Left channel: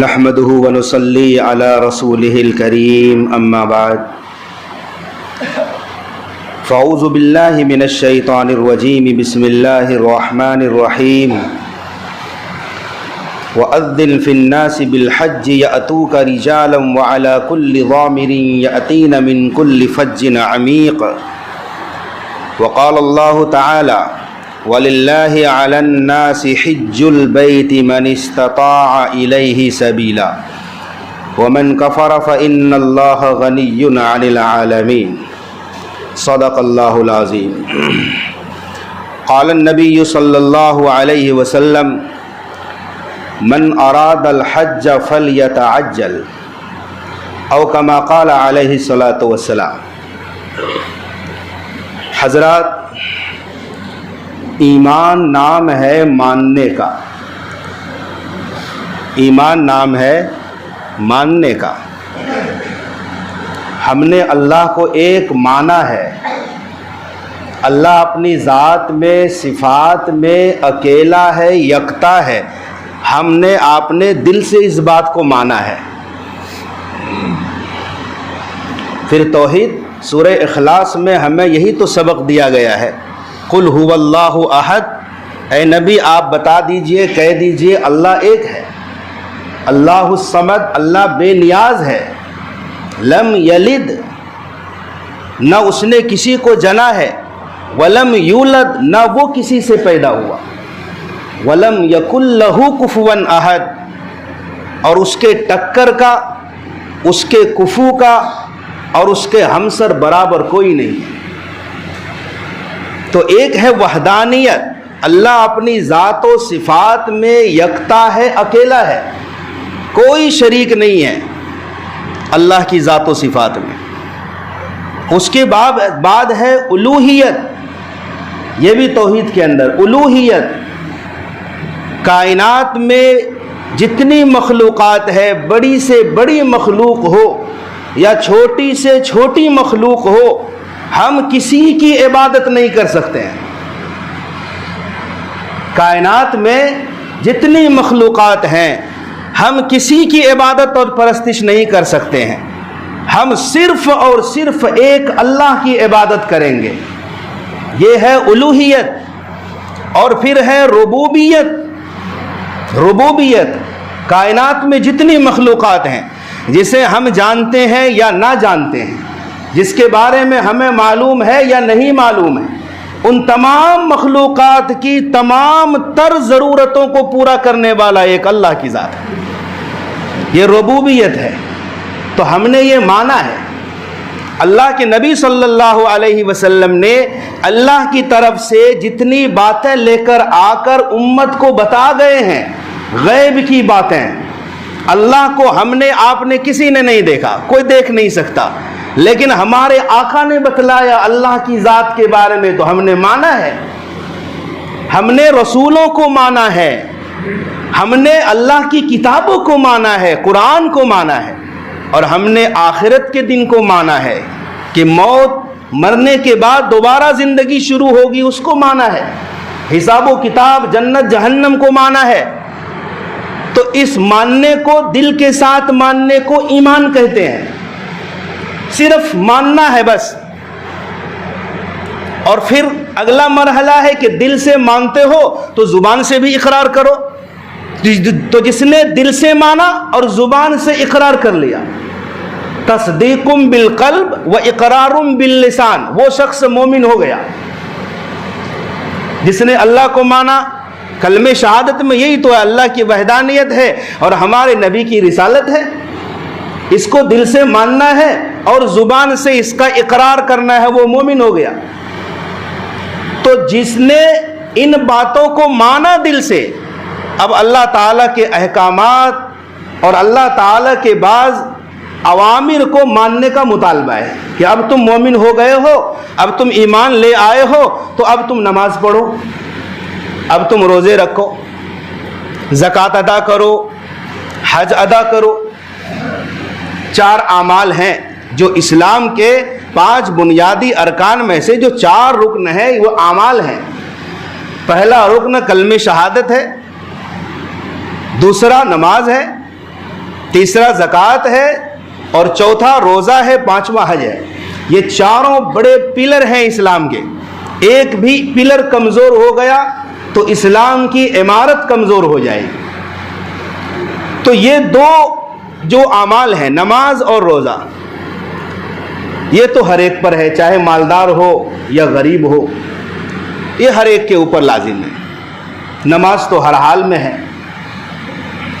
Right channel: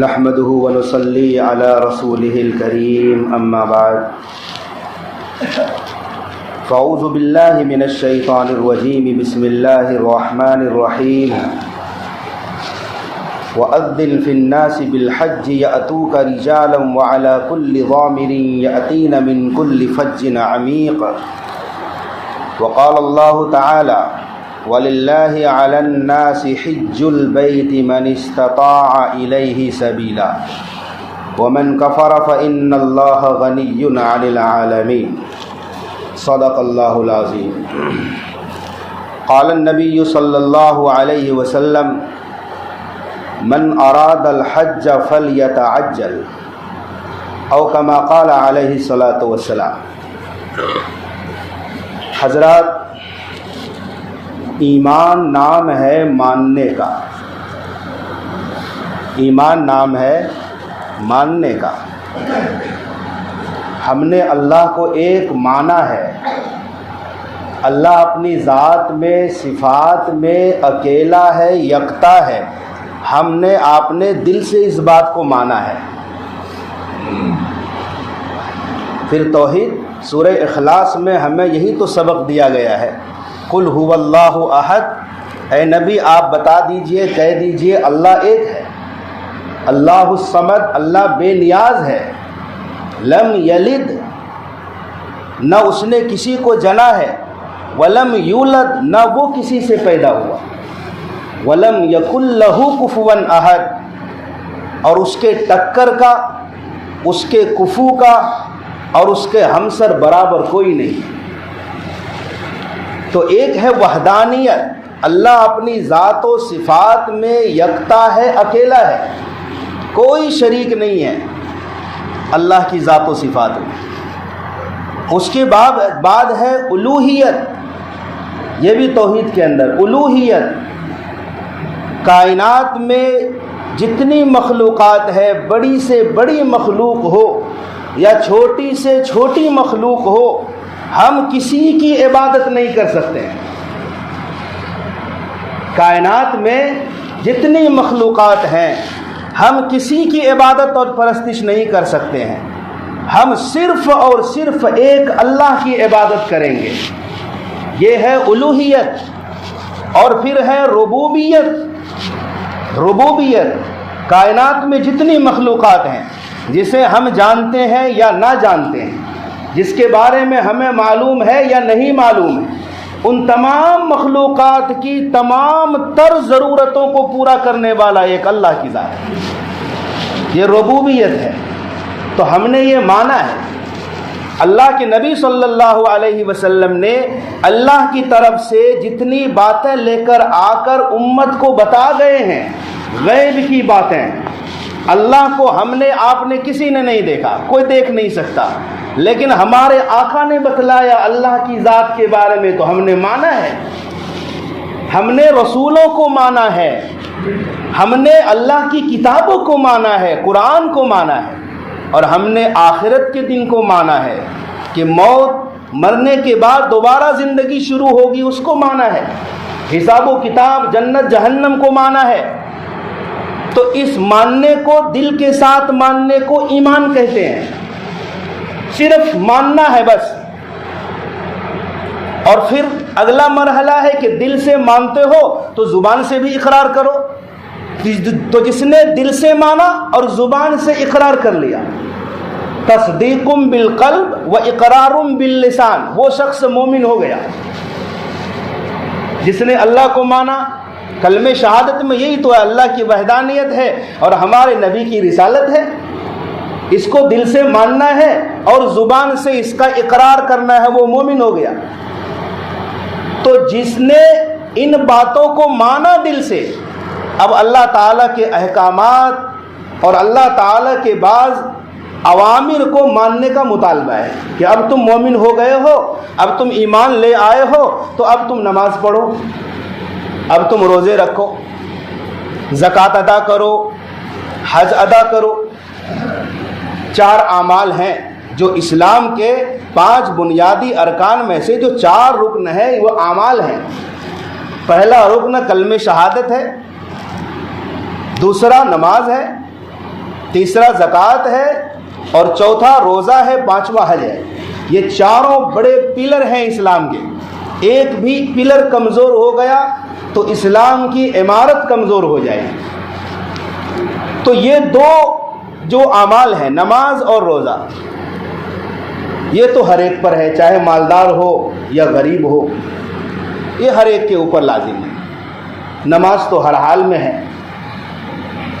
نحمده ونصلي على رسوله الكريم أما بعد فأعوذ بالله من الشيطان الرجيم بسم الله الرحمن الرحيم وأذن في الناس بالحج يأتوك رجالا وعلى كل ضامر يأتين من كل فج عميق وقال الله تعالى وَلِلَّهِ عَلَى النَّاسِ حِجُّ الْبَيْتِ مَنِ اسْتَطَاعَ إِلَيْهِ سَبِيلًا وَمَنْ كَفَرَ فَإِنَّ اللَّهَ غَنِيٌّ عَنِ الْعَالَمِينَ صدق اللہ العظیم۔ قال النبی صلی اللہ علیہ وسلم من اراد الحج فلیتعجل او کما قال علیہ الصلاۃ والسلام۔ حضرات، ایمان نام ہے ماننے کا، ایمان نام ہے ماننے کا۔ ہم نے اللہ کو ایک مانا ہے۔ اللہ اپنی ذات میں، صفات میں اکیلا ہے، یکتا ہے۔ ہم نے آپ نے دل سے اس بات کو مانا ہے۔ پھر توحید سورہ اخلاص میں ہمیں یہی تو سبق دیا گیا ہے، قل هو اللہ احد۔ اے نبی آپ بتا دیجئے، کہہ دیجئے اللہ ایک ہے، اللہ الصمد، اللہ بے نیاز ہے، لم یلد، نہ اس نے کسی کو جنا ہے، ولم یولد، نہ وہ کسی سے پیدا ہوا، ولم یکن لہ کفوا احد، اور اس کے ٹکر کا، اس کے کفو کا اور اس کے ہمسر برابر کوئی نہیں۔ تو ایک ہے وحدانیت، اللہ اپنی ذات و صفات میں یکتا ہے، اکیلا ہے، کوئی شریک نہیں ہے اللہ کی ذات و صفات میں۔ اس کے بعد ہے الوہیت، یہ بھی توحید کے اندر الوہیت۔ کائنات میں جتنی مخلوقات ہے، بڑی سے بڑی مخلوق ہو یا چھوٹی سے چھوٹی مخلوق ہو، ہم کسی کی عبادت نہیں کر سکتے ہیں۔ کائنات میں جتنی مخلوقات ہیں، ہم کسی کی عبادت اور پرستش نہیں کر سکتے ہیں۔ ہم صرف اور صرف ایک اللہ کی عبادت کریں گے۔ یہ ہے الوہیت۔ اور پھر ہے ربوبیت۔ ربوبیت کائنات میں جتنی مخلوقات ہیں، جسے ہم جانتے ہیں یا نہ جانتے ہیں، جس کے بارے میں ہمیں معلوم ہے یا نہیں معلوم ہے، ان تمام مخلوقات کی تمام تر ضرورتوں کو پورا کرنے والا ایک اللہ کی ذات ہے۔ یہ ربوبیت ہے۔ تو ہم نے یہ مانا ہے۔ اللہ کے نبی صلی اللہ علیہ وسلم نے اللہ کی طرف سے جتنی باتیں لے کر آ کر امت کو بتا گئے ہیں، غیب کی باتیں، اللہ کو ہم نے، آپ نے، کسی نے نہیں دیکھا، کوئی دیکھ نہیں سکتا، لیکن ہمارے آقا نے بتلایا اللہ کی ذات کے بارے میں، تو ہم نے مانا ہے۔ ہم نے رسولوں کو مانا ہے، ہم نے اللہ کی کتابوں کو مانا ہے، قرآن کو مانا ہے، اور ہم نے آخرت کے دن کو مانا ہے کہ موت، مرنے کے بعد دوبارہ زندگی شروع ہوگی، اس کو مانا ہے۔ حساب و کتاب، جنت جہنم کو مانا ہے۔ تو اس ماننے کو، دل کے ساتھ ماننے کو ایمان کہتے ہیں۔ صرف ماننا ہے بس۔ اور پھر اگلا مرحلہ ہے کہ دل سے مانتے ہو تو زبان سے بھی اقرار کرو۔ تو جس نے دل سے مانا اور زبان سے اقرار کر لیا، تصدیق بالقلب و اقرار باللسان، وہ شخص مومن ہو گیا۔ جس نے اللہ کو مانا، کلمہ شہادت میں یہی تو ہے، اللہ کی وحدانیت ہے اور ہمارے نبی کی رسالت ہے۔ اس کو دل سے ماننا ہے اور زبان سے اس کا اقرار کرنا ہے، وہ مومن ہو گیا۔ تو جس نے ان باتوں کو مانا دل سے، اب اللہ تعالیٰ کے احکامات اور اللہ تعالیٰ کے بعض اوامر کو ماننے کا مطالبہ ہے کہ اب تم مومن ہو گئے ہو، اب تم ایمان لے آئے ہو، تو اب تم نماز پڑھو، اب تم روزے رکھو، زکوٰۃ ادا کرو، حج ادا کرو۔ 4 اعمال ہیں جو اسلام کے 5 بنیادی ارکان میں سے جو 4 رکن ہیں، وہ اعمال ہیں۔ پہلا رکن کلمہ شہادت ہے، دوسرا نماز ہے، تیسرا زکوٰۃ ہے، اور چوتھا روزہ ہے، پانچواں حج ہے۔ یہ چاروں بڑے پلر ہیں اسلام کے۔ ایک بھی پلر کمزور ہو گیا تو اسلام کی عمارت کمزور ہو جائے گی۔ تو یہ دو جو اعمال ہیں، نماز اور روزہ، یہ تو ہر ایک پر ہے، چاہے مالدار ہو یا غریب ہو، یہ ہر ایک کے اوپر لازم ہے۔ نماز تو ہر حال میں ہے،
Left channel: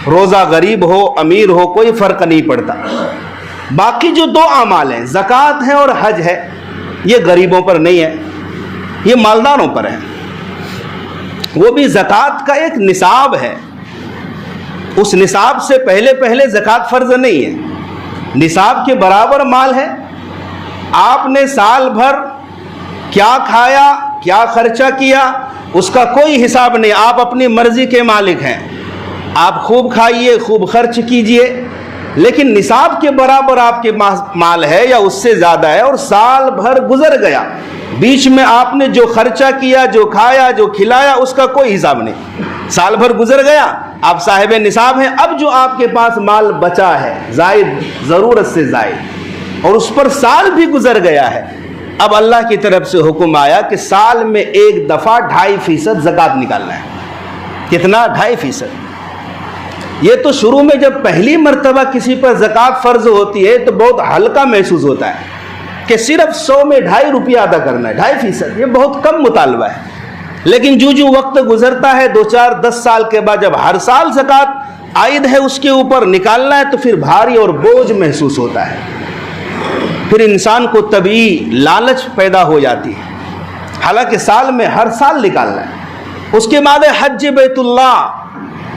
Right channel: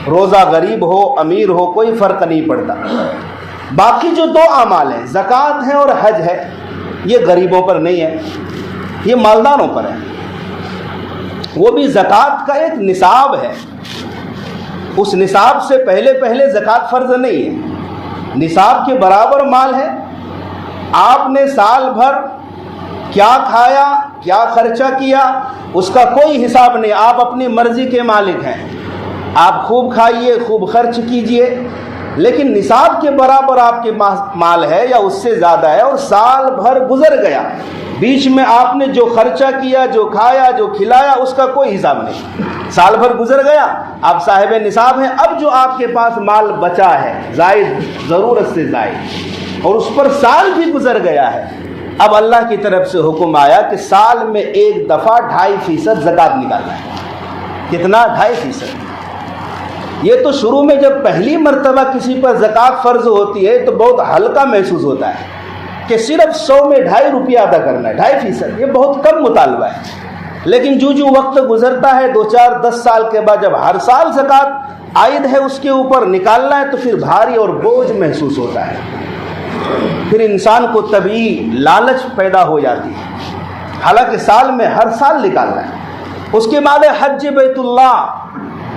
روزہ غریب ہو امیر ہو کوئی فرق نہیں پڑتا۔ باقی جو دو اعمال ہیں، زکوٰۃ ہے اور حج ہے، یہ غریبوں پر نہیں ہے، یہ مالداروں پر ہے۔ وہ بھی زکوٰۃ کا ایک نصاب ہے، اس نصاب سے پہلے زکوٰۃ فرض نہیں ہے۔ نصاب کے برابر مال ہے، آپ نے سال بھر کیا کھایا کیا خرچہ کیا اس کا کوئی حساب نہیں، آپ اپنی مرضی کے مالک ہیں، آپ خوب کھائیے خوب خرچ کیجئے، لیکن نصاب کے برابر آپ کے مال ہے یا اس سے زیادہ ہے، اور سال بھر گزر گیا، بیچ میں آپ نے جو خرچہ کیا، جو کھایا، جو کھلایا، اس کا کوئی حساب نہیں۔ سال بھر گزر گیا، آپ صاحب نصاب ہیں، اب جو آپ کے پاس مال بچا ہے زائد، ضرورت سے زائد، اور اس پر سال بھی گزر گیا ہے، اب اللہ کی طرف سے حکم آیا کہ سال میں ایک دفعہ 2.5% زکوٰۃ نکالنا ہے۔ کتنا؟ 2.5%۔ یہ تو شروع میں جب پہلی مرتبہ کسی پر زکوٰۃ فرض ہوتی ہے تو بہت ہلکا محسوس ہوتا ہے کہ صرف 100 میں 2.5 روپیہ ادا کرنا ہے، 2.5%، یہ بہت کم مطالبہ ہے۔ لیکن جو وقت گزرتا ہے، 2 4 10 سال کے بعد جب ہر سال زکوٰۃ عائد ہے اس کے اوپر نکالنا ہے، تو پھر بھاری اور بوجھ محسوس ہوتا ہے، پھر انسان کو طبعی لالچ پیدا ہو جاتی ہے، حالانکہ سال میں ہر سال نکالنا ہے۔ اس کے بعد حج بیت اللہ،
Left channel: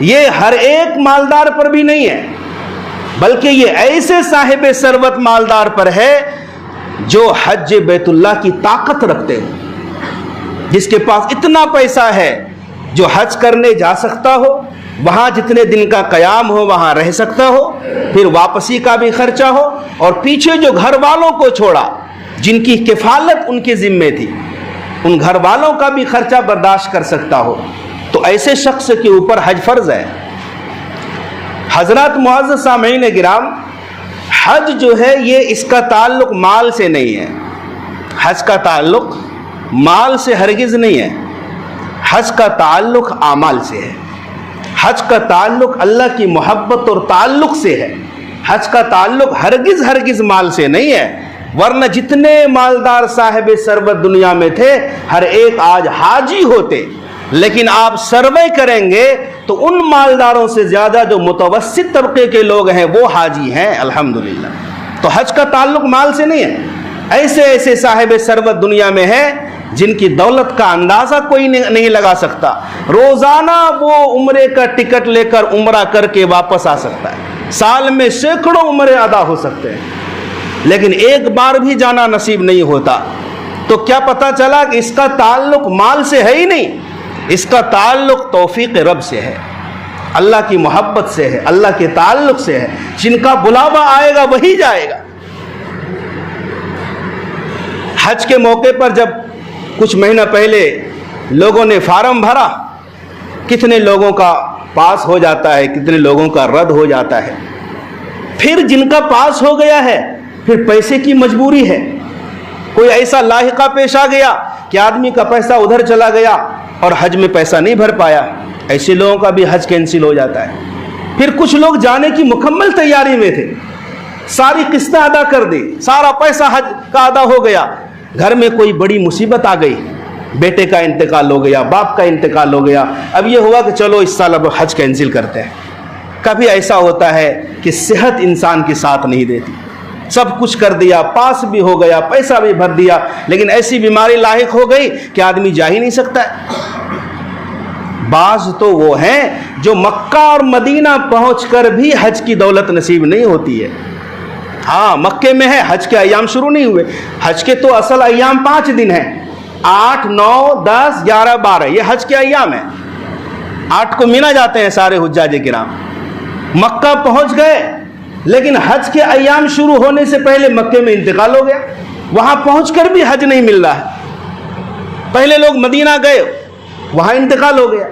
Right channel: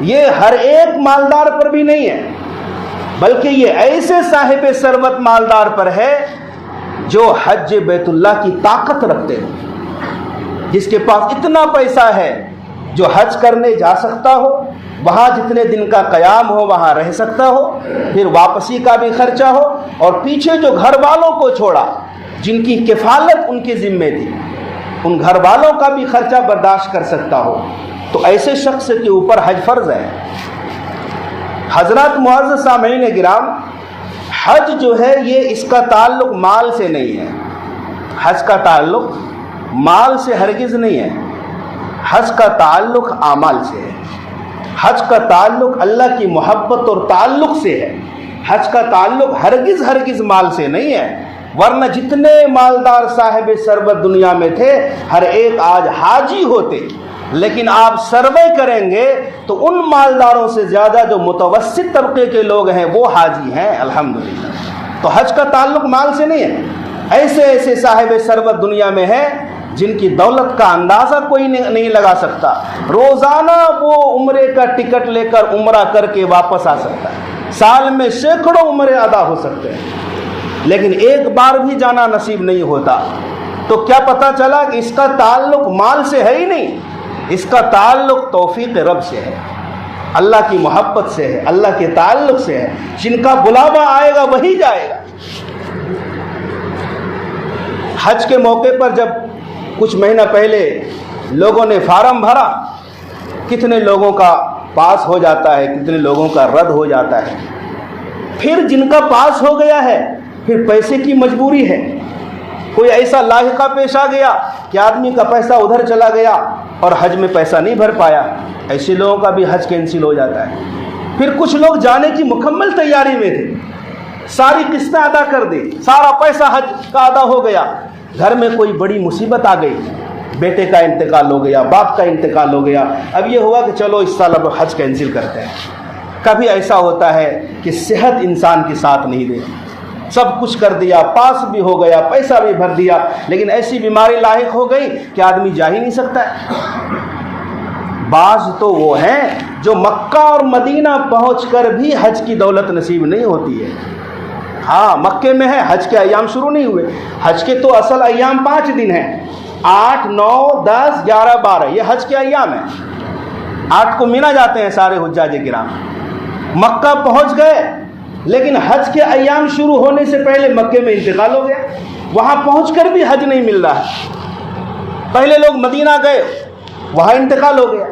یہ ہر ایک مالدار پر بھی نہیں ہے، بلکہ یہ ایسے صاحب ثروت مالدار پر ہے جو حج بیت اللہ کی طاقت رکھتے ہیں، جس کے پاس اتنا پیسہ ہے جو حج کرنے جا سکتا ہو، وہاں جتنے دن کا قیام ہو وہاں رہ سکتا ہو، پھر واپسی کا بھی خرچہ ہو، اور پیچھے جو گھر والوں کو چھوڑا جن کی کفالت ان کے ذمے تھی، ان گھر والوں کا بھی خرچہ برداشت کر سکتا ہو، تو ایسے شخص کے اوپر حج فرض ہے۔ حضرات معزز سامعین گرام، حج جو ہے یہ اس کا تعلق مال سے نہیں ہے، حج کا تعلق مال سے ہرگز نہیں ہے، حج کا تعلق اعمال سے ہے، حج کا تعلق اللہ کی محبت اور تعلق سے ہے، حج کا تعلق ہرگز مال سے نہیں ہے، ورنہ جتنے مالدار صاحب ثروت دنیا میں تھے ہر ایک آج حاجی ہوتے، لیکن آپ سروے کریں گے تو ان مالداروں سے زیادہ جو متوسط طبقے کے لوگ ہیں وہ حاجی ہیں الحمدللہ۔ تو حج کا تعلق مال سے نہیں ہے، ایسے صاحب ثروت دنیا میں ہیں جن کی دولت کا اندازہ کوئی نہیں لگا سکتا، روزانہ وہ عمرے کا ٹکٹ لے کر عمرہ کر کے واپس آ سکتا ہے، سال میں سینکڑوں عمرے ادا ہو سکتے ہیں، لیکن ایک بار بھی جانا نصیب نہیں ہوتا۔ تو کیا پتہ چلا کہ اس کا تعلق مال سے ہے ہی نہیں، اس کا تعلق توفیق رب سے ہے، اللہ کی محبت سے ہے، اللہ کے تعلق سے ہے، جن کا بلاوا آئے گا وہی جائے گا۔ حج کے موقع پر جب کچھ مہینہ پہلے لوگوں نے فارم بھرا، کتنے لوگوں کا پاس ہو جاتا ہے، کتنے لوگوں کا رد ہو جاتا ہے، پھر جن کا پاس ہو گیا ہے پھر پیسے کی مجبوری ہے، کوئی ایسا لاحقہ پیش آ گیا کہ آدمی کا پیسہ ادھر چلا گیا اور حج میں پیسہ نہیں بھر پایا، ایسے لوگوں کا بھی حج کینسل ہو جاتا ہے۔ پھر کچھ لوگ جانے کی مکمل تیاری میں تھے، ساری قسطیں ادا کر دی، سارا پیسہ حج کا ادا ہو گیا، گھر میں کوئی بڑی مصیبت آ گئی، بیٹے کا انتقال ہو گیا، باپ کا انتقال ہو گیا، اب یہ ہوا کہ چلو اس سال اب حج کینسل کرتے ہیں۔ کبھی ایسا ہوتا ہے کہ صحت انسان کے ساتھ نہیں دیتی، سب کچھ کر دیا، پاس بھی ہو گیا، پیسہ بھی بھر دیا، لیکن ایسی بیماری لاحق ہو گئی کہ آدمی جا ہی نہیں سکتا ہے۔ بعض تو وہ ہیں جو مکہ اور مدینہ پہنچ کر بھی حج کی دولت نصیب نہیں ہوتی ہے، ہاں مکے میں ہے، حج کے ایام شروع نہیں ہوئے، حج کے تو اصل ایام 5 دن ہیں، 8 9 10 11 12، یہ حج کے ایام ہیں، 8 کو مینا جاتے ہیں سارے حجاج کرام، مکہ پہنچ گئے لیکن حج کے ایام شروع ہونے سے پہلے مکے میں انتقال ہو گیا، وہاں پہنچ کر بھی حج نہیں مل رہا ہے۔ پہلے لوگ مدینہ گئے، وہاں انتقال ہو گیا۔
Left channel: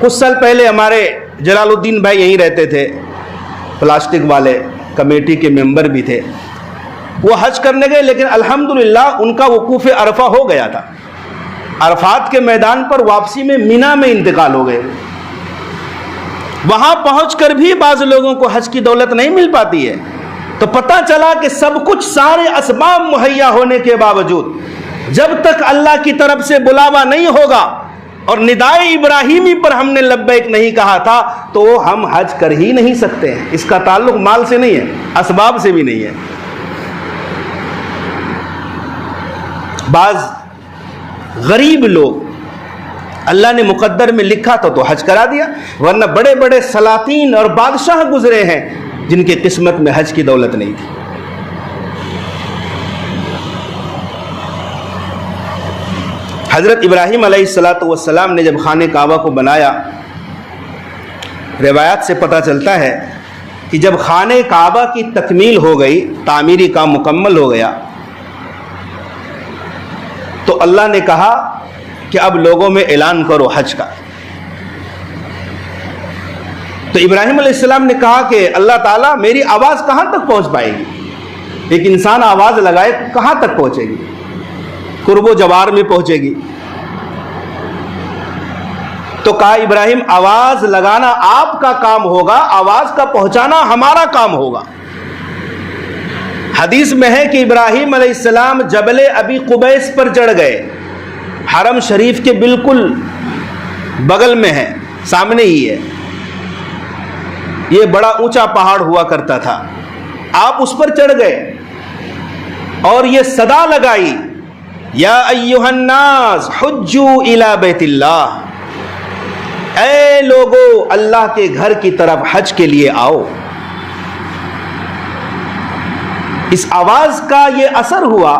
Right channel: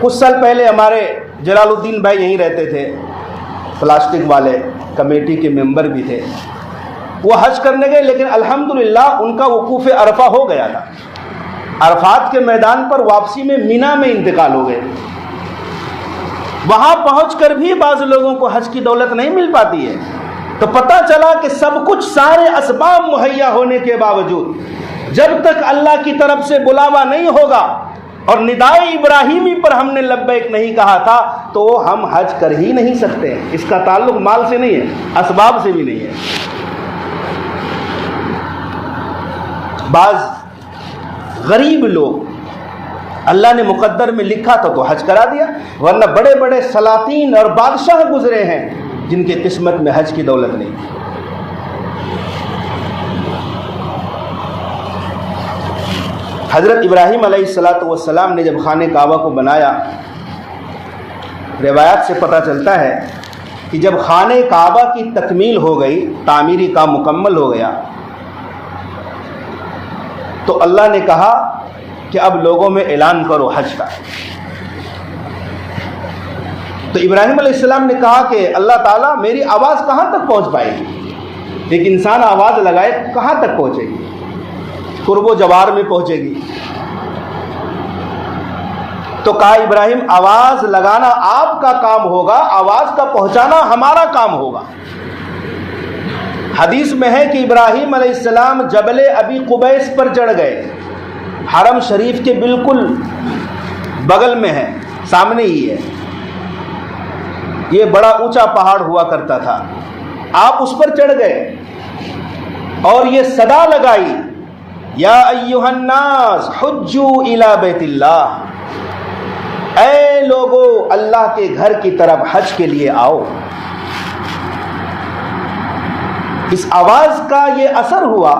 کچھ سال پہلے ہمارے جلال الدین بھائی یہیں رہتے تھے، پلاسٹک والے کمیٹی کے ممبر بھی تھے، وہ حج کرنے گئے، لیکن الحمدللہ ان کا وقوف عرفہ ہو گیا تھا، عرفات کے میدان پر واپسی میں مینا میں انتقال ہو گئے۔ وہاں پہنچ کر بھی بعض لوگوں کو حج کی دولت نہیں مل پاتی ہے، تو پتہ چلا کہ سب کچھ سارے اسباب مہیا ہونے کے باوجود جب تک اللہ کی طرف سے بلاوا نہیں ہوگا اور ندائے ابراہیمی پر ہم نے لبیک نہیں کہا تھا تو ہم حج کر ہی نہیں سکتے ہیں۔ اس کا تعلق مال سے نہیں ہے، اسباب سے بھی نہیں ہے۔ بعض غریب لوگ اللہ نے مقدر میں لکھا تھا تو حج کرا دیا، ورنہ بڑے بڑے سلاطین اور بادشاہ گزرے ہیں جن کے قسمت میں حج کی دولت نہیں تھی۔ حضرت ابراہیم علیہ السلام نے جب خانہ کعبہ کو بنایا، روایات سے پتہ چلتا ہے کہ جب خانہ کعبہ کی تکمیل ہو گئی، تعمیری کام مکمل ہو گیا، تو اللہ نے کہا کہ اب لوگوں میں اعلان کرو حج کا۔ تو ابراہیم علیہ السلام نے کہا کہ اللہ تعالیٰ میری آواز کہاں تک پہنچ پائے گی؟ ایک انسان آواز لگائے کہاں تک پہنچے گی؟ قرب و جوار میں پہنچے گی۔ تو کہا ابراہیم آواز لگانا آپ کا کام ہوگا، آواز کا پہنچانا ہمارا کام ہوگا۔ حدیث میں ہے کہ ابراہیم علیہ السلام جبل ابی قبیس پر چڑھ گئے، حرم شریف کے بالکل بغل میں ہے، سامنے ہی ہے۔ یہ بڑا اونچا پہاڑ ہوا کرتا تھا، آپ اس پر چڑھ گئے اور یہ صدا لگائی، یا ایھا الناس حجوا الی بیت اللہ، اے لوگو اللہ کے گھر کی طرف حج کے لیے آؤ۔ اس آواز کا یہ اثر ہوا،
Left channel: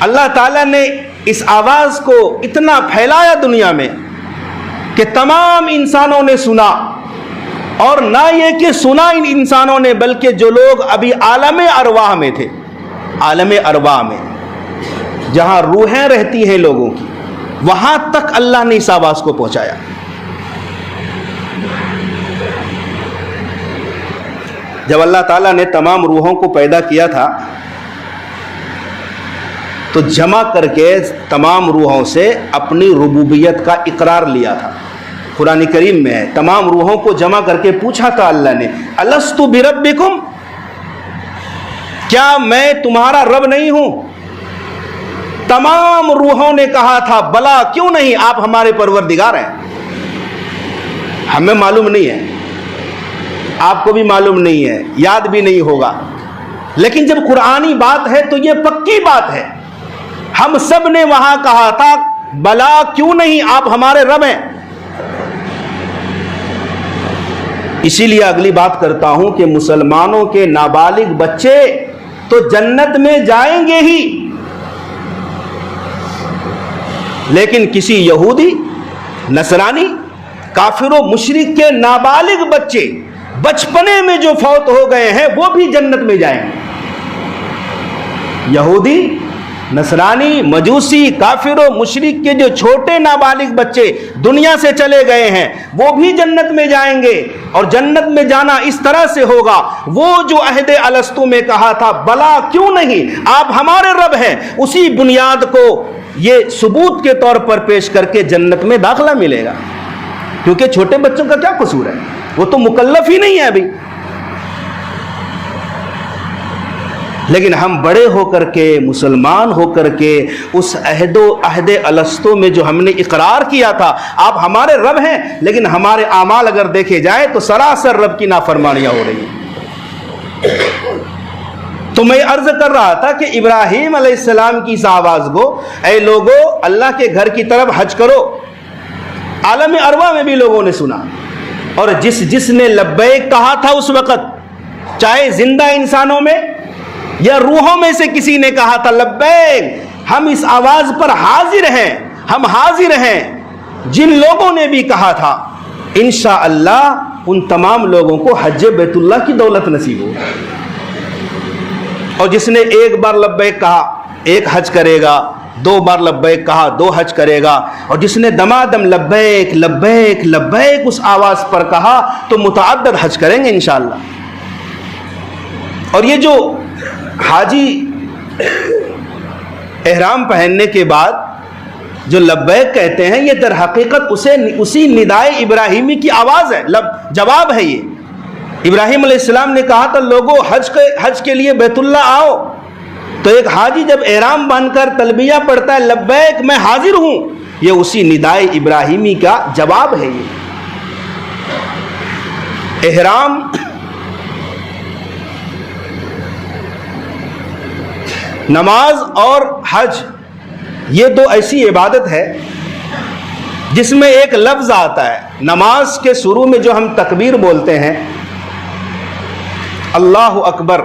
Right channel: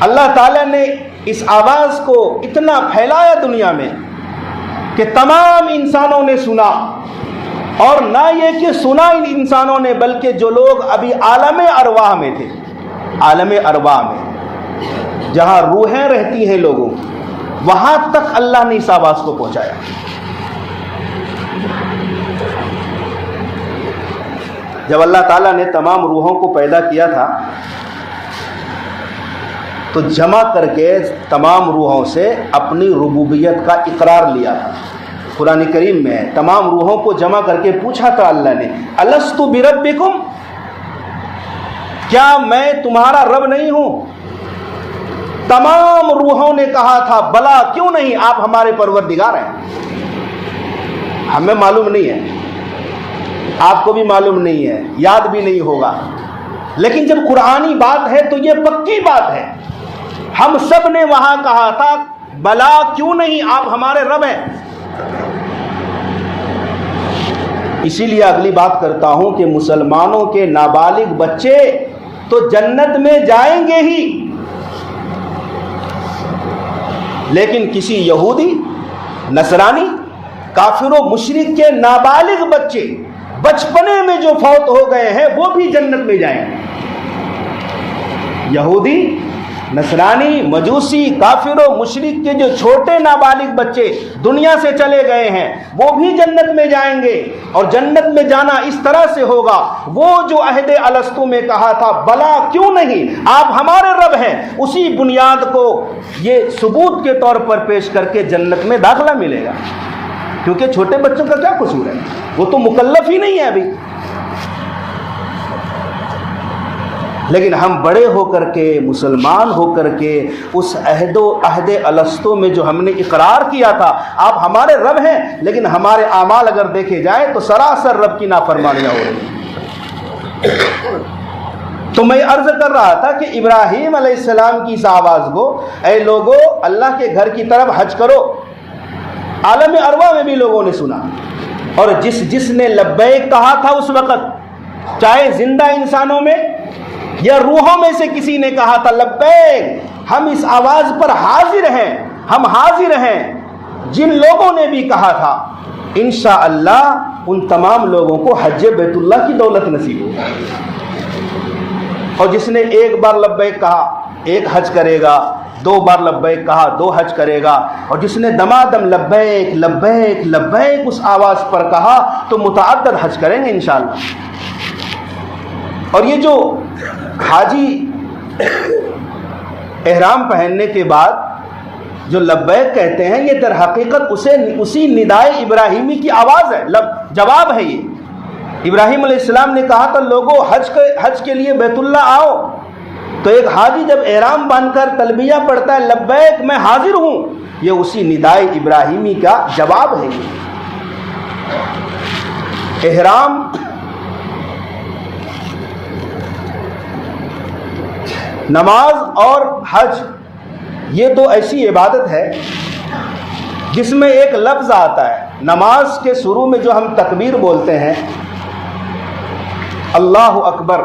اللہ تعالیٰ نے اس آواز کو اتنا پھیلایا دنیا میں کہ تمام انسانوں نے سنا، اور نہ یہ کہ سنا ان انسانوں نے، بلکہ جو لوگ ابھی عالم ارواح میں تھے، عالم ارواح میں جہاں روحیں رہتی ہیں لوگوں کی، وہاں تک اللہ نے اس آواز کو پہنچایا۔ جب اللہ تعالیٰ نے تمام روحوں کو پیدا کیا تھا تو جمع کر کے تمام روحوں سے اپنی ربوبیت کا اقرار لیا تھا۔ قرآن کریم میں ہے، تمام روحوں کو جمع کر کے پوچھا تھا اللہ نے، الست بربکم، کیا میں تمہارا رب نہیں ہوں؟ تمام روحوں نے کہا تھا بلا، کیوں نہیں، آپ ہمارے پروردگار ہیں۔ ہمیں معلوم نہیں ہے، آپ کو بھی معلوم نہیں ہے، یاد بھی نہیں ہوگا، لیکن جب قرآنی بات ہے تو یہ پکی بات ہے۔ ہم سب نے وہاں کہا تھا بلا، کیوں نہیں، آپ ہمارے رب ہیں۔ اسی لیے اگلی بات کرتا ہوں کہ مسلمانوں کے نابالغ بچے تو جنت میں جائیں گے ہی، لیکن کسی یہودی، نصرانی، کافر و مشرک کے نابالغ بچے بچپنے میں جو فوت ہو گئے ہیں وہ بھی جنت میں جائیں گے۔ یہودی، نصرانی، مجوسی، کافر و مشرک کے جو چھوٹے نابالغ بچے دنیا سے چلے گئے ہیں وہ بھی جنت میں جائیں گے، اور جنت میں جانا اس طرح سے ہوگا، وہ جو عہد الستو میں کہا تھا بلا، کیوں نہیں، آپ ہمارے رب ہیں، اسی بنیاد کو یہ ثبوت کے طور پر پیش کر کے جنت میں داخلہ ملے گا۔ کیونکہ چھوٹے بچوں کا کیا قصور ہے، وہ تو مکلف ہی نہیں ہے ابھی، لیکن ہم بڑے ہو کر کے، مسلمان ہو کر کے، اس عہد الستو میں جو ہم نے اقرار کیا تھا آپ ہمارے رب ہیں، لیکن ہمارے اعمال اگر دیکھے جائیں تو سراسر رب کی نافرمانیاں ہو رہی ہیں۔ تو میں عرض کر رہا تھا کہ ابراہیم علیہ السلام کی اس آواز کو، اے لوگو اللہ کے گھر کی طرف حج کرو، عالم ارواح میں بھی لوگوں نے سنا، اور جس نے لبیک کہا تھا اس وقت، چاہے زندہ انسانوں میں یا روحوں میں سے کسی نے کہا تھا لبیک، ہم اس آواز پر حاضر ہیں، ہم حاضر ہیں۔ جن لوگوں نے بھی کہا تھا انشاءاللہ ان تمام لوگوں کو حج بیت اللہ کی دولت نصیب ہوگی، اور جس نے ایک بار لبیک کہا ایک حج کرے گا، 2 بار لبیک کہا 2 حج کرے گا، اور جس نے دمادم لبیک لبیک لبیک اس آواز پر کہا تو متعدد حج کریں گے انشاءاللہ۔ اور یہ جو حاجی احرام پہننے کے بعد جو لبیک کہتے ہیں، یہ در حقیقت اسی ندائے ابراہیمی کی آواز ہے، جواب ہے۔ یہ ابراہیم علیہ السلام نے کہا تھا لوگوں حج کے لیے بیت اللہ آؤ، تو ایک حاجی جب احرام باندھ کر تلبیہ پڑھتا ہے لبیک میں حاضر ہوں، یہ اسی ندائے ابراہیمی کا جواب ہے۔ یہ احرام نماز اور حج یہ دو ایسی عبادت ہے جس میں ایک لفظ آتا ہے۔ نماز کے شروع میں جو ہم تکبیر بولتے ہیں اللہ اکبر،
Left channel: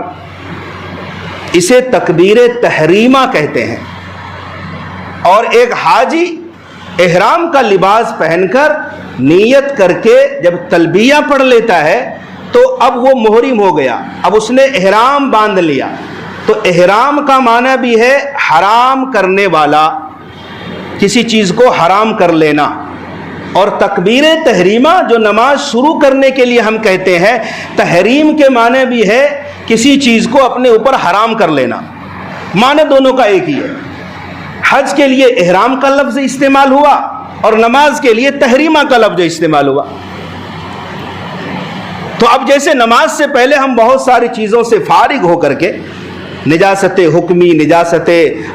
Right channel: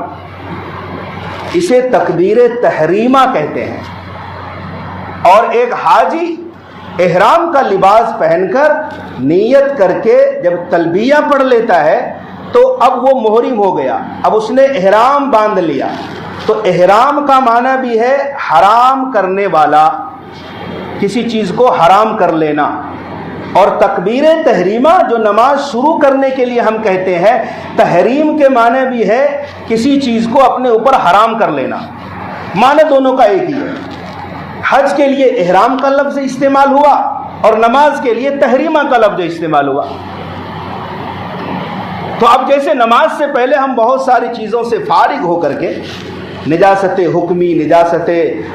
اسے تکبیر تحریمہ کہتے ہیں، اور ایک حاجی احرام کا لباس پہن کر نیت کر کے جب تلبیہ پڑھ لیتا ہے تو اب وہ محرم ہو گیا، اب اس نے احرام باندھ لیا۔ تو احرام کا معنی بھی ہے حرام کرنے والا، کسی چیز کو حرام کر لینا، اور تکبیر تحریمہ جو نماز شروع کرنے کے لیے ہم کہتے ہیں، تحریم کے معنی بھی ہے کسی چیز کو اپنے اوپر حرام کر لینا، معنی دونوں کا ایک ہی ہے۔ حج کے لیے احرام کا لفظ استعمال ہوا اور نماز کے لیے تحریمہ کا لفظ استعمال ہوا۔ تو اب جیسے نماز سے پہلے ہم بہت ساری چیزوں سے فارغ ہو کر کے، نجاست حکمی، نجاست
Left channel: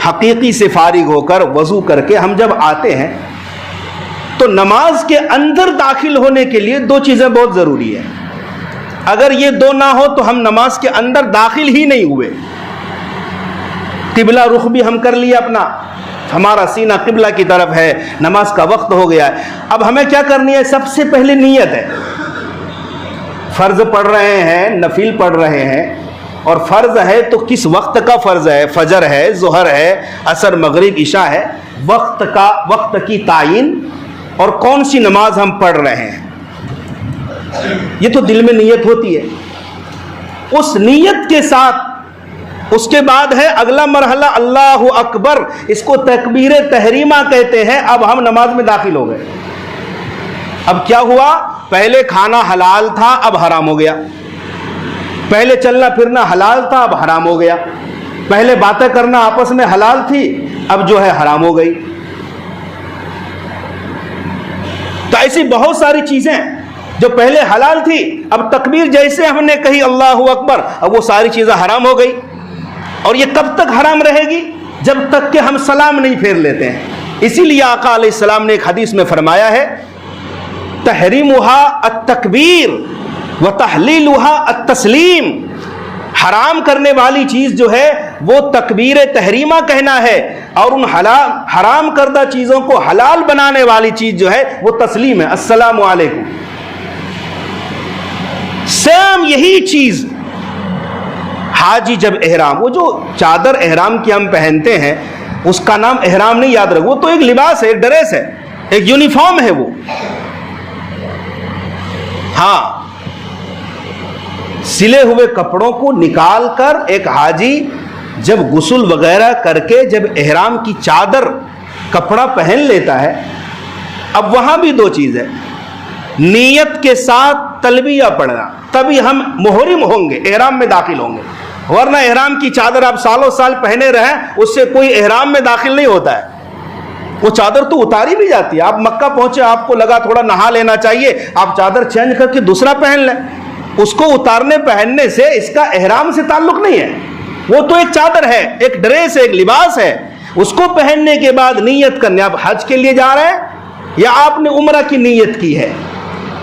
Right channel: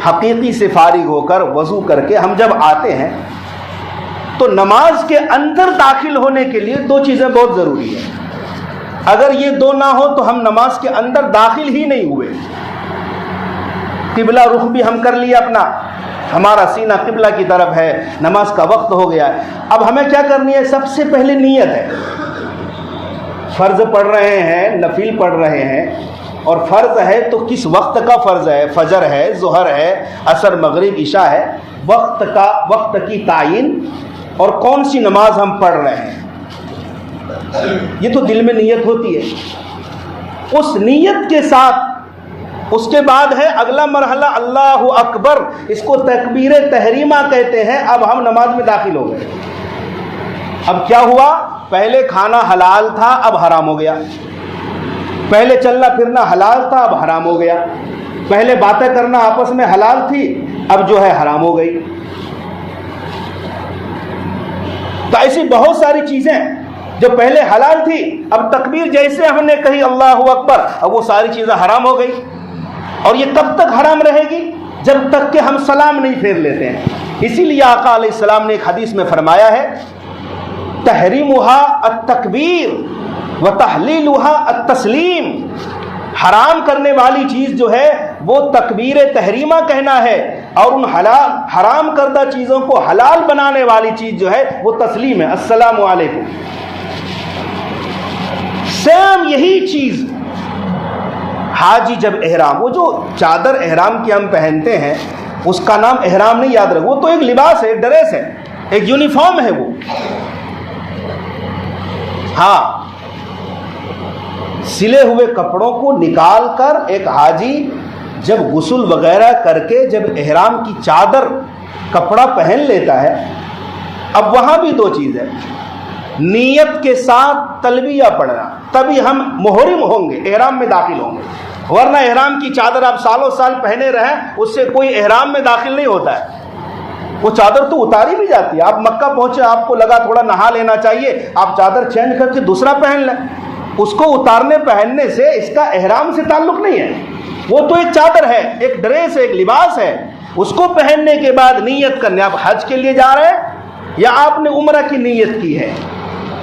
حقیقی سے فارغ ہو کر وضو کر کے ہم جب آتے ہیں تو نماز کے اندر داخل ہونے کے لیے دو چیزیں بہت ضروری ہیں۔ اگر یہ دو نہ ہو تو ہم نماز کے اندر داخل ہی نہیں ہوئے۔ قبلہ رخ بھی ہم کر لیا اپنا، ہمارا سینہ قبلہ کی طرف ہے، نماز کا وقت ہو گیا ہے، اب ہمیں کیا کرنی ہے؟ سب سے پہلے نیت ہے۔ فرض پڑھ رہے ہیں، نفل پڑھ رہے ہیں، اور فرض ہے تو کس وقت کا فرض ہے؟ فجر ہے، ظہر ہے، عصر، مغرب، عشاء ہے، وقت کی تعین اور کون سی نماز ہم پڑھ رہے ہیں، یہ تو دل میں نیت ہوتی ہے۔ اس نیت کے ساتھ اس کے بعد ہے اگلا مرحلہ اللہ اکبر، اس کو تکبیر تحریمہ کہتے ہیں۔ اب ہم نماز میں داخل ہو گئے۔ اب کیا ہوا؟ پہلے کھانا حلال تھا، اب حرام ہو گیا۔ پہلے چلنا پھرنا حلال تھا، اب حرام ہو گیا۔ پہلے باتیں کرنا آپس میں حلال تھی، اب جو ہے حرام ہو گئی۔ تو ایسی بہت ساری چیزیں جو پہلے حلال تھی، اب تکبیر جیسے ہم نے کہی اللہ اکبر، اب وہ ساری چیزیں حرام ہو گئی۔ اور یہ کب تک حرام رہے گی؟ جب تک کہ ہم سلام نہیں پھیر لیتے ہیں۔ اسی لیے آقا علیہ السلام نے ایک حدیث میں فرمایا ہے تحریمها التکبیر وتحلیلها التسلیم، حرام کرنے والی چیز جو ہے وہ تکبیر تحریمہ کہنا ہے، اور ان حرام کردہ چیزوں کو حلال بنانے والی چیز جو ہے وہ تسلیم ہے، السلام علیکم۔ سیم یہی چیز حاجی جب احرام، وہ جو چادر احرام کی ہم پہنتے ہیں اس کا نام احرام نہیں یاد رکھو، وہ تو ایک لباس ہے، ایک ڈریس ہے، ایک یونیفارم ہے وہ۔ ہاں، سلے ہوئے کپڑوں کو نکال کر ایک حاجی جب غسل وغیرہ کر کے جب احرام کی چادر کپڑا پہن لیتا ہے، اب وہاں بھی دو چیز ہے، نیت کے ساتھ تلبیہ پڑھنا، تبھی ہم محرم ہوں گے، احرام میں داخل ہوں گے، ورنہ احرام کی چادر آپ سالوں سال پہنے رہیں اس سے کوئی احرام میں داخل نہیں ہوتا ہے۔ وہ چادر تو اتاری بھی جاتی ہے، آپ مکہ پہنچے، آپ کو لگا تھوڑا نہا لینا چاہیے، آپ چادر چینج کر کے دوسرا پہن لیں، اس کو اتارنے پہننے سے اس کا احرام سے تعلق نہیں ہے، وہ تو ایک چادر ہے، ایک ڈریس ہے، ایک لباس ہے، اس کو پہننے کے بعد نیت کرنے، آپ حج کے لیے جا رہے ہیں یا آپ نے عمرہ کی نیت کی ہے،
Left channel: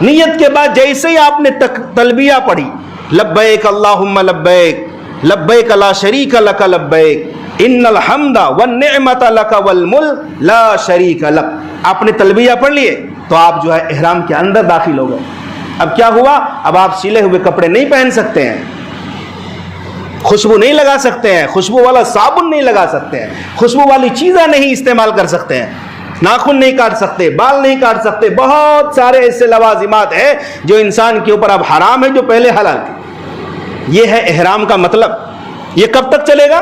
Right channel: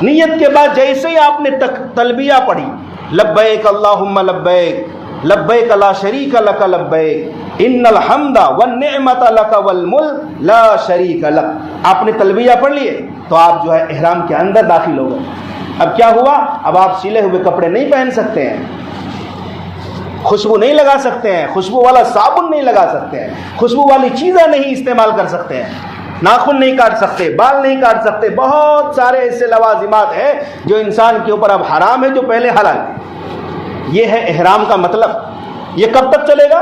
نیت کے بعد جیسے ہی آپ نے تلبیہ پڑھی، لبیک اللہم لبیک لبیک لا شریک لک لبیک ان الحمد والنعمت لک والملک لا شریک لک، آپ نے تلبیہ پڑھ لیے تو آپ جو ہے احرام کے اندر داخل ہو گئے۔ اب کیا ہوا؟ اب آپ سلے ہوئے کپڑے نہیں پہن سکتے ہیں، خوشبو نہیں لگا سکتے ہیں، خوشبو والا صابن نہیں لگا سکتے ہیں، خوشبو والی چیزیں نہیں استعمال کر سکتے ہیں، ناخن نہیں کاٹ سکتے، بال نہیں کاٹ سکتے، بہت سارے ایسے لوازمات ہیں جو انسان کے اوپر اب حرام ہے جو پہلے حلال تھے۔ یہ ہے احرام کا مطلب۔ یہ کب تک چلے گا؟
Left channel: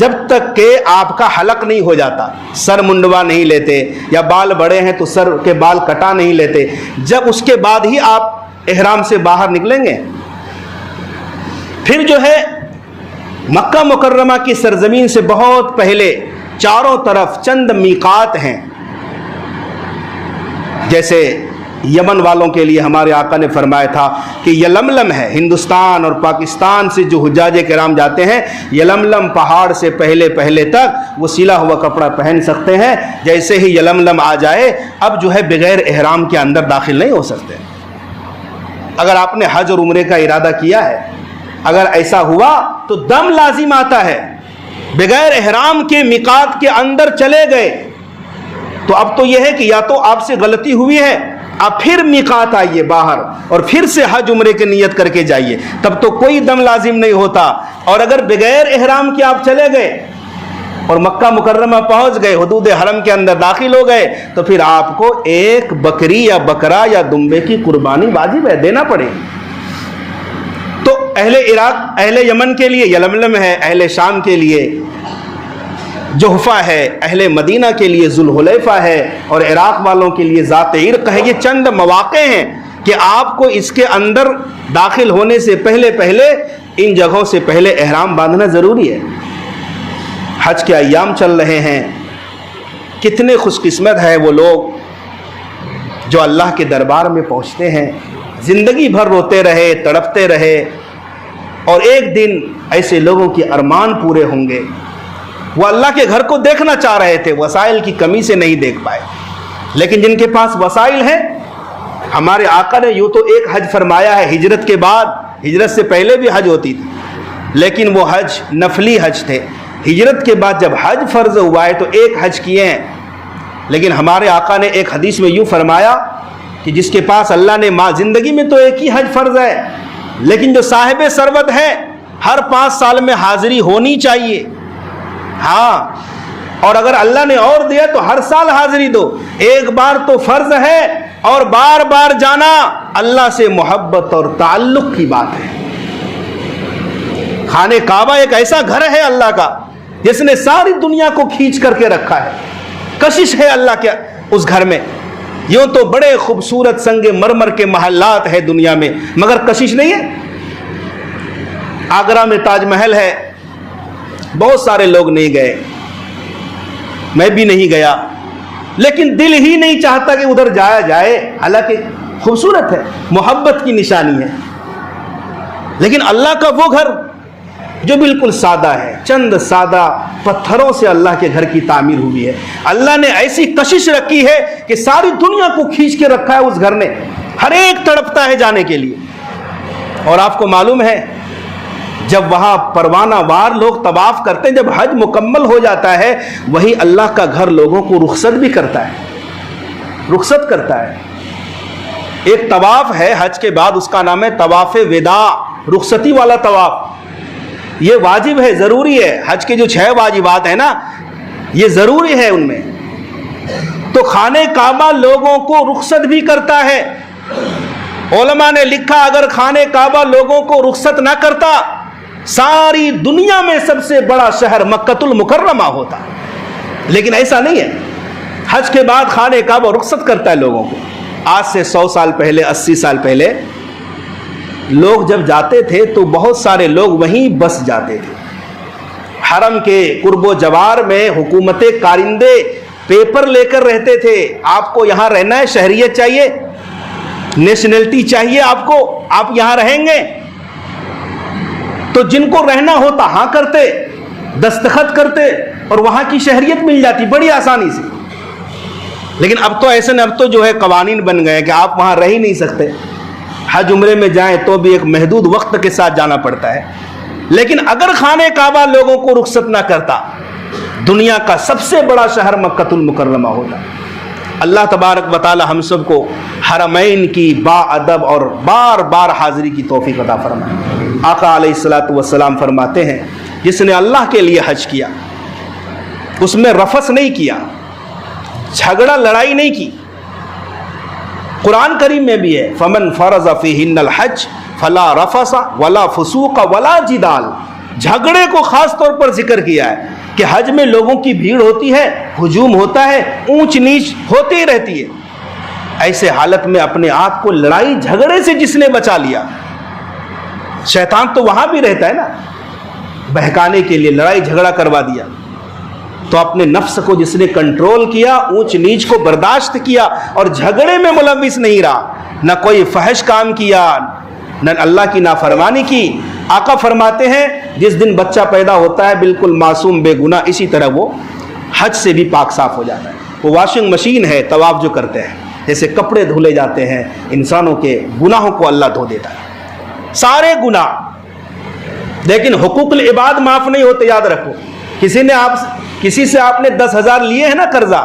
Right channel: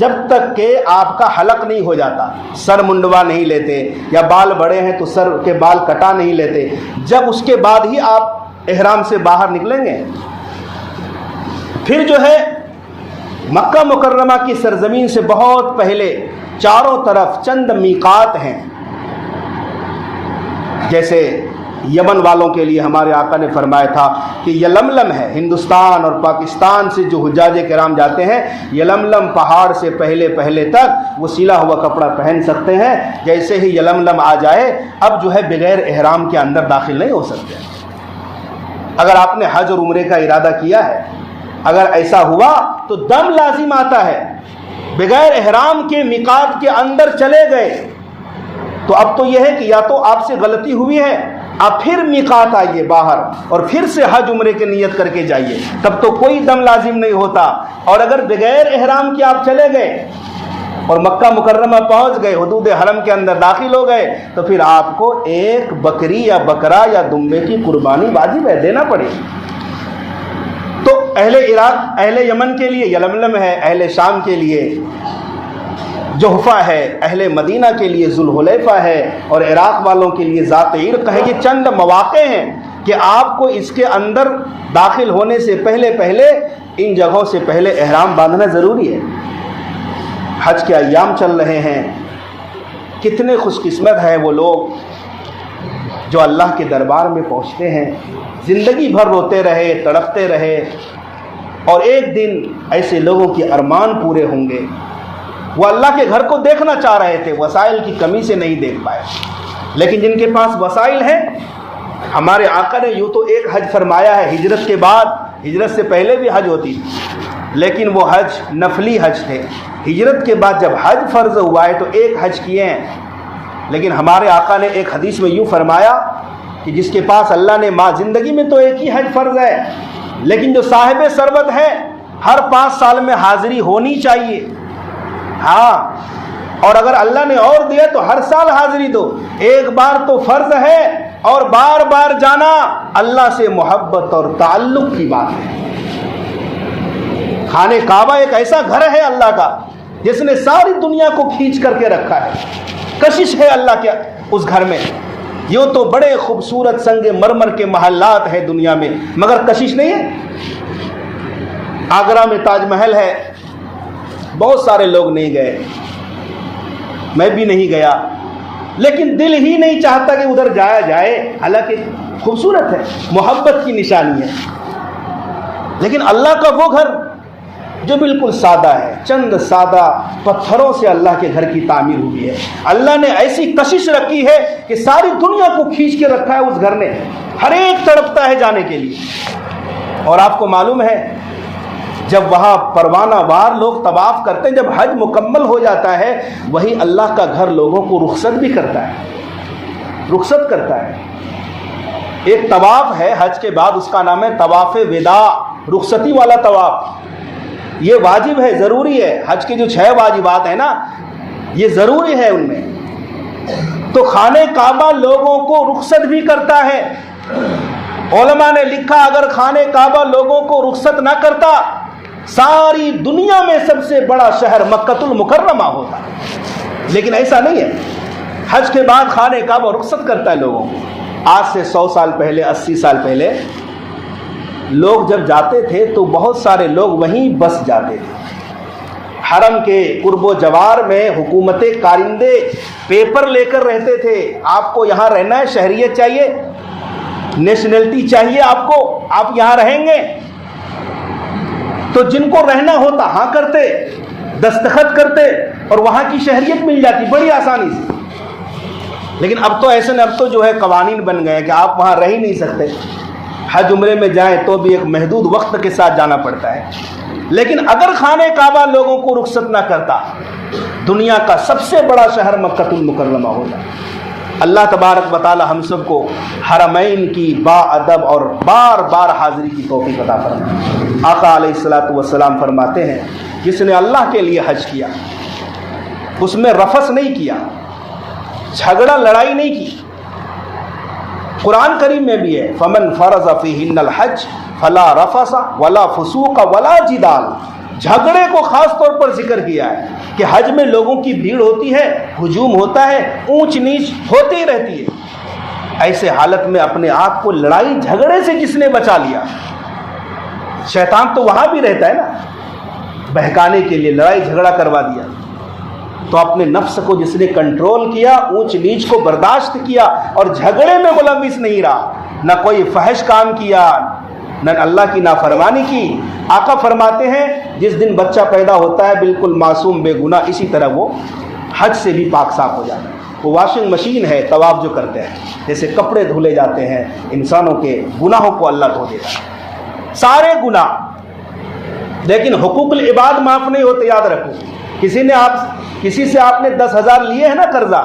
جب تک کہ آپ کا حلق نہیں ہو جاتا، سر منڈوا نہیں لیتے، یا بال بڑے ہیں تو سر کے بال کٹا نہیں لیتے، جب اس کے بعد ہی آپ احرام سے باہر نکلیں گے۔ پھر جو ہے مکہ مکرمہ کی سرزمین سے بہت پہلے چاروں طرف چند میقات ہیں. جیسے یمن والوں کے لیے ہمارے آقا نے فرمایا تھا کہ یلملم ہے. ہندوستان اور پاکستان سے جو حجاج کرام جاتے ہیں یلملم پہاڑ سے پہلے تک وہ سلا ہوا کپڑا پہن سکتے ہیں. جیسے ہی یلملم آ جائے اب جو ہے بغیر احرام کے اندر داخل نہیں ہو سکتے. اگر آپ نے حج اور عمرے کا ارادہ کیا ہے، اگر ایسا ہوا تو دم لازم آتا ہے. بغیر احرام کے میقات کے اندر چلے گئے تو اب تو یہ ہے کہ یا تو آپ سے غلطی ہوئی ہے، آپ پھر میقات آئیے باہر اور پھر سے حج عمرے کی نیت کر کے جائیے، تب تو کوئی دم لازم نہیں ہوتا. اور اگر بغیر احرام کے آپ چلے گئے اور مکہ مکرمہ پہنچ گئے، حدود حرم کے اندر داخل ہو گئے، تو پھر آپ کو ایک بکری یا بکرا یا دمبے کی قربانی واجب ہے، دینا پڑے گی. تو اہل عراق، اہل یمن کے لیے یلملم ہے، اہل شام کے لیے جحفہ ہے، اہل مدینہ کے لیے ذوالحلیفہ ہے، اور عراق والوں کے لیے ذات عرق ہے. یہ چند مواقع ہیں کہ آپ کو اس کے اندر داخل ہونے سے پہلے ان جگہوں سے پہلے احرام باندھنا ضروری ہے. حج کے ایام چل رہے ہیں. کتنے خوش قسمت ہے وہ لوگ جو اللہ کے دربار میں پہنچتے ہیں، زندگی بھر روتے رہے، تڑپتے رہے، اور ایک دن ایسے لوگوں کے ارمان پورے ہوں گے. وہ اللہ کے گھر کو دیکھنا چاہ رہے تھے، وسائل کی کمی سے نہیں دیکھ پائے، لیکن جن کے پاس وسائل ہیں، ہمارے آقا نے یوں تو ایک حج فرمایا ہے ہجرت کے بعد، ہجرت سے پہلے بھی حج ہوتی تھی لیکن وہ حج نفلی حج تھے. ہجرت کے بعد جب حج فرض ہوا ہے تو ایک حج کیے ہیں. لیکن ہمارے آقا نے ایک حدیث میں یوں فرمایا کہ جس کے پاس اللہ نے زندگی میں تو ایک ہی حج فرض ہے، لیکن جو صاحب ثروت ہے ہر 5 سال میں حاضری ہونی چاہیے. ہاں، اور اگر اللہ نے اور دیا تو ہر سال حاضری دو. ایک بار تو فرض ہے، اور بار بار جانا اللہ سے محبت اور تعلق کی بات ہے. خانہ کعبہ ایک ایسا گھر ہے اللہ کا جس نے ساری دنیا کو کھینچ کر کے رکھا ہے. کشش ہے اللہ کے اس گھر میں. یوں تو بڑے خوبصورت سنگ مرمر کے محلات ہیں دنیا میں، مگر کشش نہیں ہے. آگرہ میں تاج محل ہے، بہت سارے لوگ نہیں گئے، میں بھی نہیں گیا، لیکن دل ہی نہیں چاہتا کہ ادھر جایا جائے. حالانکہ خوبصورت ہے، محبت کی نشانی ہے. لیکن اللہ کا وہ گھر جو بالکل سادہ ہے، چند سادہ پتھروں سے اللہ کے گھر کی تعمیر ہوئی ہے. اللہ نے ایسی کشش رکھی ہے کہ ساری دنیا کو کھینچ کے رکھا ہے اس گھر نے. ہر ایک تڑپتا ہے جانے کے لیے. اور آپ کو معلوم ہے جب وہاں پروانہ وار لوگ طواف کرتے ہیں، جب حج مکمل ہو جاتا ہے، وہی اللہ کا گھر لوگوں کو رخصت بھی کرتا ہے، رخصت کرتا ہے. ایک طواف ہے حج کے بعد، اس کا نام ہے طواف وداع، رخصتی والا طواف. یہ واجب ہے، ضروری ہے. حج کے جو 6 واجبات ہیں نا، یہ ضروری ہے ان میں. تو خانہ کعبہ لوگوں کو رخصت بھی کرتا ہے. علماء نے لکھا اگر خانہ کعبہ لوگوں کو رخصت نہ کرتا، ساری دنیا میں سب سے بڑا شہر مکۃ المکرمہ ہوتا. لیکن ایسا نہیں ہے. حج کے بعد خانہ کعبہ رخصت کرتا ہے لوگوں کو. آج سے 100 سال پہلے، 80 سال پہلے لوگ جب جاتے تھے تو بہت سارے لوگ وہیں بس جاتے تھے. حرم کے قرب و جوار میں حکومت کارندے پیپر لے کر رہتے تھے. آپ کو یہاں رہنا ہے، شہریت چاہیے، نیشنلٹی چاہیے آپ کو، آپ یہاں رہیں گے. تو جن کو رہنا ہوتا ہاں کرتے، دستخط کرتے اور وہاں کی شہریت مل جاتی بڑی آسانی سے. لیکن اب تو ایسے اب تو جو ہے قوانین بن گئے کہ آپ وہاں رہ ہی نہیں سکتے. حج عمرے میں جائیں تو بھی ایک محدود وقت کے ساتھ جانا پڑتا ہے. لیکن اگر خانہ کعبہ لوگوں کو رخصت نہ کرتا، دنیا کا سب سے بڑا شہر مکۃ المکرمہ ہوگا. اللہ تبارک و تعالی ہم سب کو حرمین کی با ادب اور بار بار حاضری کی توفیق عطا فرمائے. آقا علیہ الصلوۃ والسلام فرماتے ہیں جس نے اللہ کے لیے حج کیا، اس میں رفث نہیں کیا، جھگڑا لڑائی نہیں کی. قرآن کریم میں بھی ہے فمن فرض فیہن الحج فلا رفث ولا فسوق ولا جدال. جھگڑے کو خاص طور پر ذکر کیا ہے کہ حج میں لوگوں کی بھیڑ ہوتی ہے، ہجوم ہوتا ہے، اونچ نیچ ہوتی رہتی ہے. ایسے حالت میں اپنے آپ کو لڑائی جھگڑے سے جس نے بچا لیا، شیطان تو وہاں بھی رہتا ہے نا. بہکانے کے لیے لڑائی جھگڑا کروا دیا. تو اپنے نفس کو جس نے کنٹرول کیا، اونچ نیچ کو برداشت کیا اور جھگڑے میں ملوث نہیں رہا، نہ کوئی فحش کام کیا، نہ اللہ کی نافرمانی کی. آقا فرماتے ہیں جس دن بچہ پیدا ہوتا ہے بالکل معصوم بے گناہ، اسی طرح وہ حج سے بھی پاک صاف ہو جاتا ہے. وہ واشنگ مشین ہے طواف جو کرتے ہیں، جیسے کپڑے دھلے جاتے ہیں، انسانوں کے گناہوں کو اللہ دھو دیتا ہے، سارے گناہ. لیکن حقوق العباد معاف نہیں ہوتے، یاد رکھو. کسی سے آپ نے 10,000 لیے ہیں نا قرضہ،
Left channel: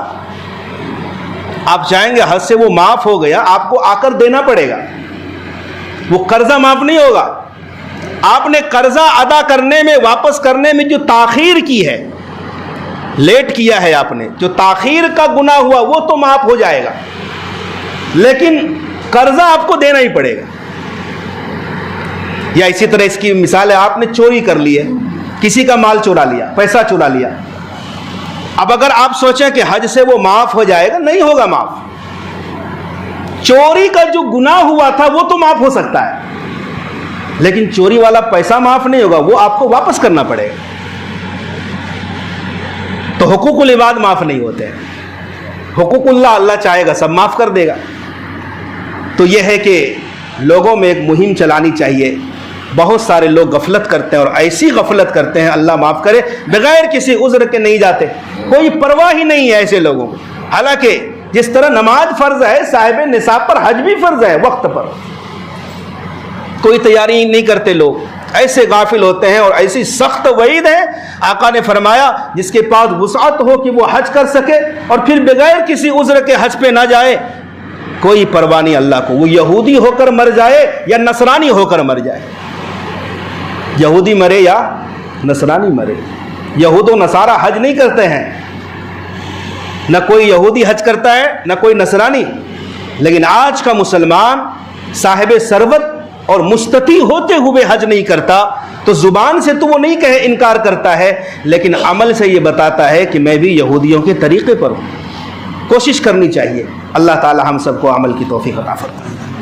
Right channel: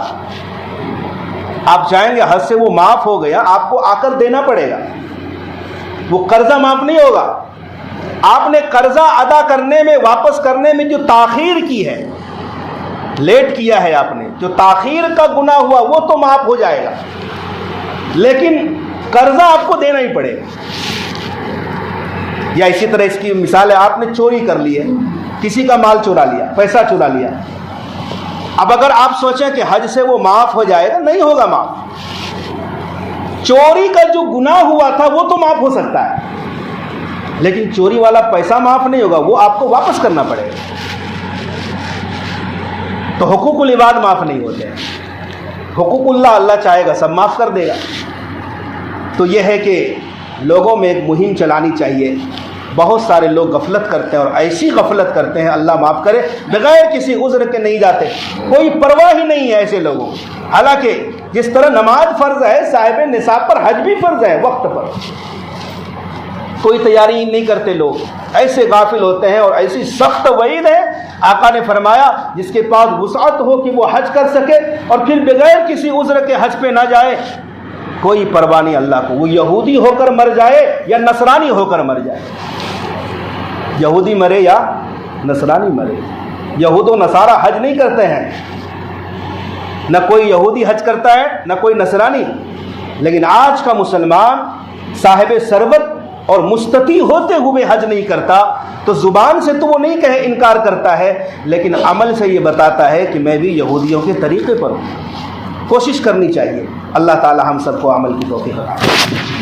آپ چاہیں گے حد سے وہ معاف ہو گیا، آپ کو آ کر دینا پڑے گا، وہ قرضہ معاف نہیں ہوگا. آپ نے قرضہ ادا کرنے میں، واپس کرنے میں جو تاخیر کی ہے، لیٹ کیا ہے آپ نے، جو تاخیر کا گناہ ہوا وہ تو معاف ہو جائے گا، لیکن قرضہ آپ کو دینا ہی پڑے گا. یا اسی طرح اس کی مثال ہے، آپ نے چوری کر لی ہے، کسی کا مال چورا لیا، پیسہ چورا لیا. اب اگر آپ سوچیں کہ حج سے وہ معاف ہو جائے گا، نہیں ہوگا معاف. چوری کا جو گناہ ہوا تھا وہ تو معاف ہو سکتا ہے، لیکن چوری والا پیسہ معاف نہیں ہوگا، وہ آپ کو واپس کرنا پڑے گا. تو حقوق العباد معاف نہیں ہوتے ہیں. حقوق اللہ چاہے گا سب معاف کر دے گا. تو یہ ہے کہ لوگوں میں ایک مہم چلانی چاہیے. بہت سارے لوگ غفلت کرتے ہیں، اور ایسی غفلت کرتے ہیں، اللہ معاف کرے، بغیر کسی عذر کے نہیں جاتے، کوئی پرواہ ہی نہیں ہے ایسے لوگوں. حالانکہ جس طرح نماز فرض ہے، صاحب نصاب پر حج بھی فرض ہے وقت پر. کوئی تیاری نہیں کرتے لوگ، ایسے غافل ہوتے ہیں، اور ایسی سخت وعید ہے. آقا نے فرمایا جس کے پاس وسعت ہو کہ وہ حج کر سکے اور پھر بغیر کسی عذر کے حج پہ نہ جائے، کوئی پرواہ نہیں اللہ کو. وہ یہودی ہو کر مر جائے یا نصرانی ہو کر مر جائے، یہودی مرے یا نصرانی مرے. یہود و نصارہ حج نہیں کرتے ہیں، نہ کوئی یہودی حج کرتا ہے نہ کوئی نصرانی. لیکن آج کا مسلمان صاحب ثروت اور مستطیع ہوتے ہوئے حج نہیں کرتا، تو زبان سے تو وہ نہیں کہے انکار کرتا ہے، لیکن عمل سے یہ بتاتا ہے کہ میں بھی یہودیوں کے طریقے پر ہوں. کوشش کرنی چاہیے. اللہ تعالی ہم سب کو عمل کی توفیق عطا فرمائے.